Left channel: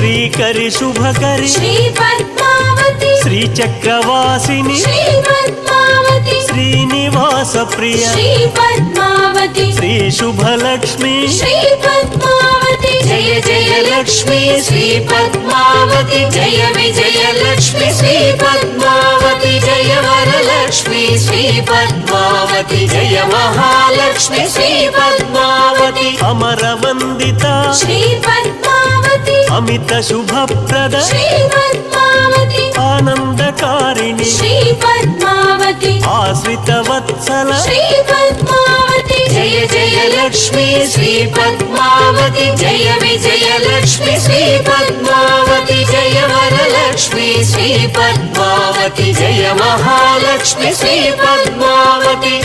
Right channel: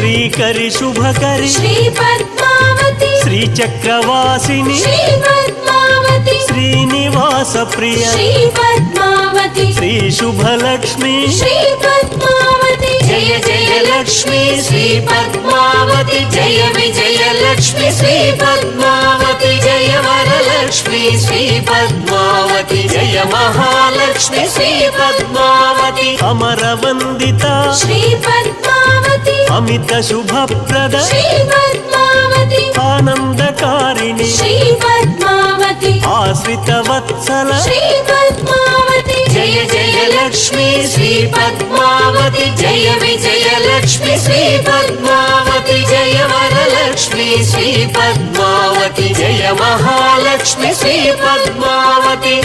Srikari Shubhakari శ్రీచక్రవాసిని Srinivasa Priya Shri Subhalakshmi Jaya Jaya Lakshmi Shri Padmavati Jaya Vijaya Lakshmi Shri Padmavati Jaya Varalakshmi Shri Padmavati Jaya Mahalakshmi Shri Padmavati అమరవందిత Amit Subhaprada ఆనందకారిణి Ashrita Vatsala Jaya Jaya Lakshmi Shri Padmavati Jaya Vijaya Lakshmi Shri Padmavati Jaya Varalakshmi Shri Padmavati Jaya Mahalakshmi Shri Padmavati